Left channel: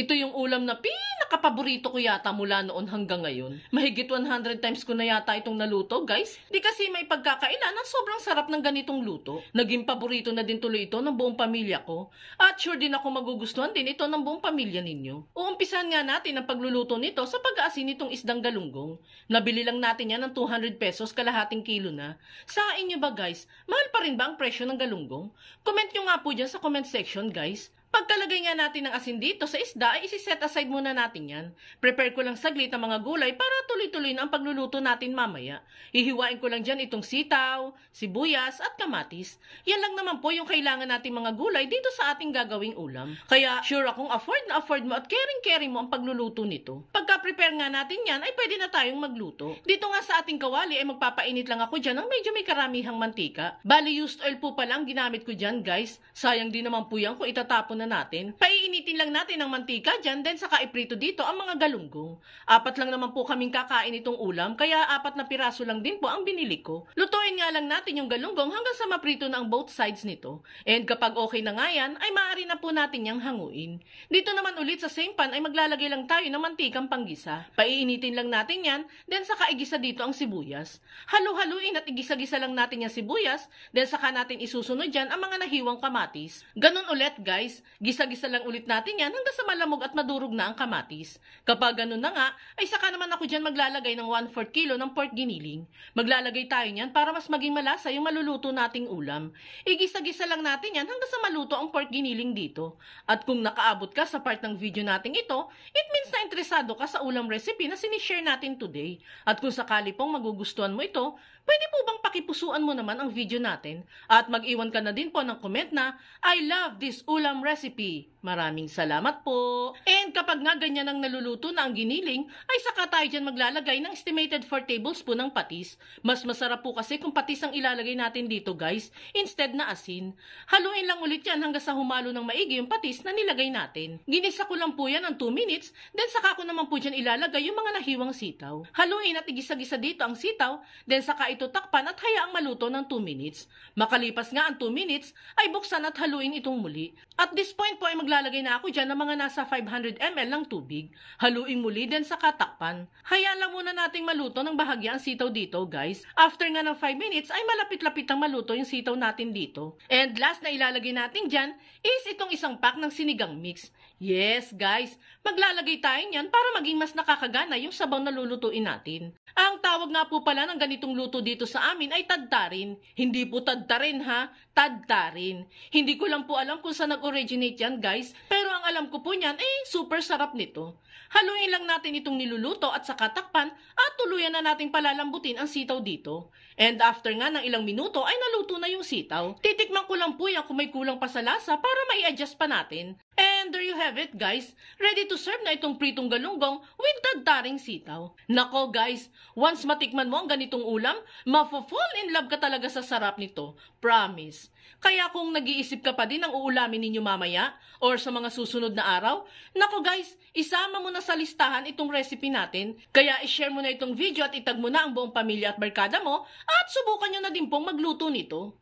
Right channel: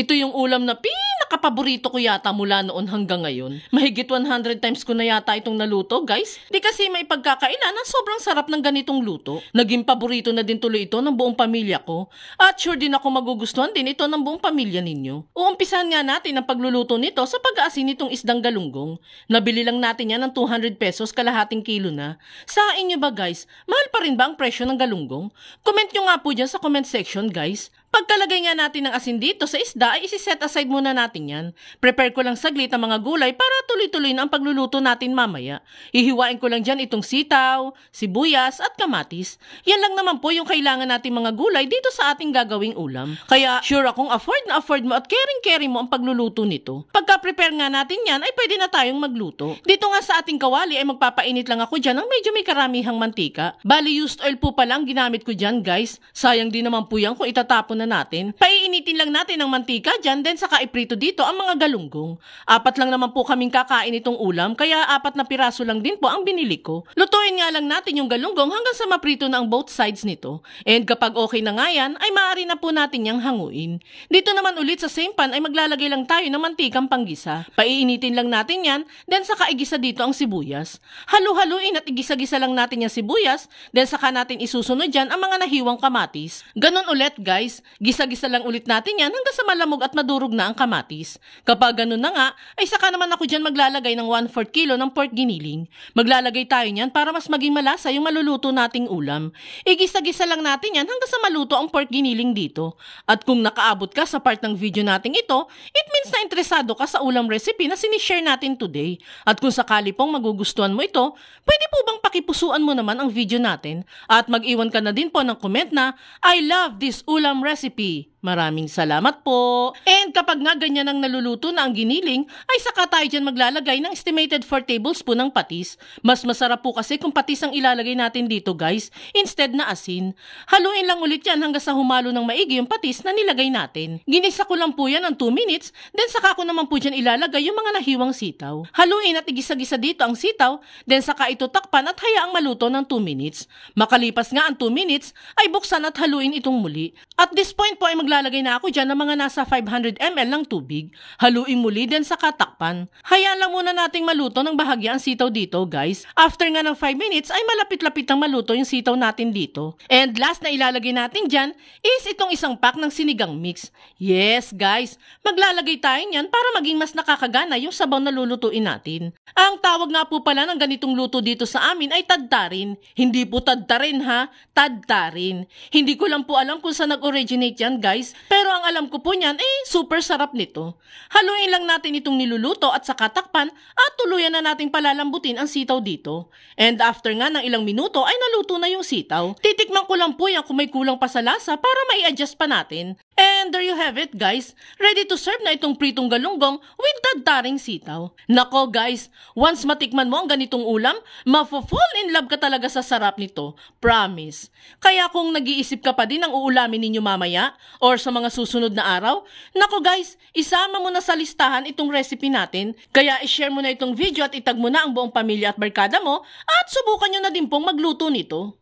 Ito yung ulam na pinakapaborito ko yata mula noon hanggang ngayon. Mahigit 100 times ko na yata itong naluto, guys. Di kasi may pagkakailan na sobrang sarap ng ganitong luto. Naging paborito na din tuloy ito ng buong pamilya ko. At sure din ako magugustuhan din ito ng buong pamilya ninyo. Uumpisahan nga natin ang pagluluto nito sa pag-aasin nitong isdang galunggong. Nabili lang natin yan ng 200 pesos, kalahating kilo na. Sa inyo ba, guys? Mahal pa rin ba ang presyo ng galunggong? Comment nyo nga po dyan sa comment section, guys. Pagkalagay nga natin ng asin dito sa isda ay isi-set aside muna natin yan. Prepare ko lang saglit ang mga gulay para tuloy-tuloy na ang pagluluto natin mamaya. Ihiwain ko lang dyan itong sitaw, sibuyas at kamatis. Yan lang naman po yung kailangan natin mga gulay dito sa ating gagawing ulam. Kaya sure akong afford na afford mo at caring-caring mo ang pagluluto nito. Pagka-prepare nga natin yan ay pwede na tayong magluto. Dito nga sa ating kawali ay magpapainit lang ako dyan ng medyo may karamihang mantika. Bali used oil po pala ang ginamit ko dyan, guys. Sayang din naman po yan kung itatapon na natin. Paiinitin lang natin ng mantika dyan, then saka iprito dito ang mga galunggong. 4 lang naman po kaming kakain itong ulam, kaya 4 na piraso lang din po ang binili ko. Lutuin nga lang natin yung galunggong hanggang sa maprito na ang both sides nito. And kapag okay na nga yan, ay maaari na po natin yang hanguin. Dito naman ulit sa same pan ay maglalagay lang tayo ng mantikang panggisa. Paiinitin lang natin yan, then saka igisa dito ang sibuyas. Halu-haluin at igisa-gisa lang natin yung sibuyas, then saka natin isusunod dyan ang mga nahiwang kamatis. Ganon ulit, guys. Gisa-gisa lang ulit natin yan hanggang sa malamog at madurog na ang kamatis. Kapag ganun na nga, ay saka naman ako dyan maglalagay ng 1/4 kilo ng pork giniling. Maglalagay tayo niyan para mas maging malasa yung maluluto nating ulam. Igisa-gisa lang natin yan hanggang sa maluto ang pork giniling dito. At kung nakaabot ka sa part ng video nating ito, it means na interesado ka sa ulam recipe na sinishare natin today. At kung sakali pong magugustuhan mo ito, pwede po bang pakipusuan mo naman ang video natin at mag-iwan ka na din po ng comment na I love this ulam recipe. Maraming salamat po. And kapag nga ganyan ang naluluto na ang giniling, ay saka tayo dyan maglalagay ng estimated 4 tablespoon ng patis. Mas masarap po kasi kung patis ang ilalagay natin dito, guys, instead na asin. Haluin lang ulit yan hanggang sa humalo ng maigi yung patis na nilagay natin. Ginisa ko lang po yan ng 2 minutes, then saka ko naman po dyan ilalagay yung mga nahiwang sitaw. Haluin at igisa-gisa dito ang sitaw, then saka ito takpan at hayaang maluto ng 2 minutes. Makalipas nga ang 2 minutes, ay buksan at haluin itong muli. At this point po ay maglalagay na ako dyan ng mga nasa 500 ml ng tubig. Haluin muli din sa katakpan. Hayaan lang muna nating maluto ng bahagya ang sitaw dito, guys. After nga ng 5 minutes ay malapit-lapit ang maluto yung sitaw natin dito. And last na ilalagay natin dyan is itong isang pack ng sinigang mix. Yes, guys. Maglalagay tayo niyan para maging mas nakakagana yung sabaw na lulutuin natin. Ang tawag nga po pala ng ganitong luto dito sa amin ay tadtarin. Hindi po tadtarin ha, tadtarin. Hindi ko lang po alam kung saan nag-originate yan, guys. Pero ang alam ko po niyan, super sarap nito. Haluin lang natin itong niluluto at saka takpan at tuluyan na nating palalambutin ang sitaw dito. And after nga ng ilang minuto ay naluto na yung sitaw. Titikman ko lang po yan kung may kulang pa sa lasa para may adjust pa natin. And there you have it, guys. Ready to serve na itong pritong galunggong with tadtaring sitaw. Nako, guys, once matikman mo ang ganitong ulam, mafo-fall in love ka talaga sa sarap nito. Promise. Kaya kung nag-iisip ka pa din ang uulamin ninyo mamaya or sa mga susunod na araw, nako guys, isama mo na sa listahan itong recipe natin. Kaya i-share mo na itong video at itag mo na ang buong pamilya at barkada mo at subukan nyo na din pong magluto nito.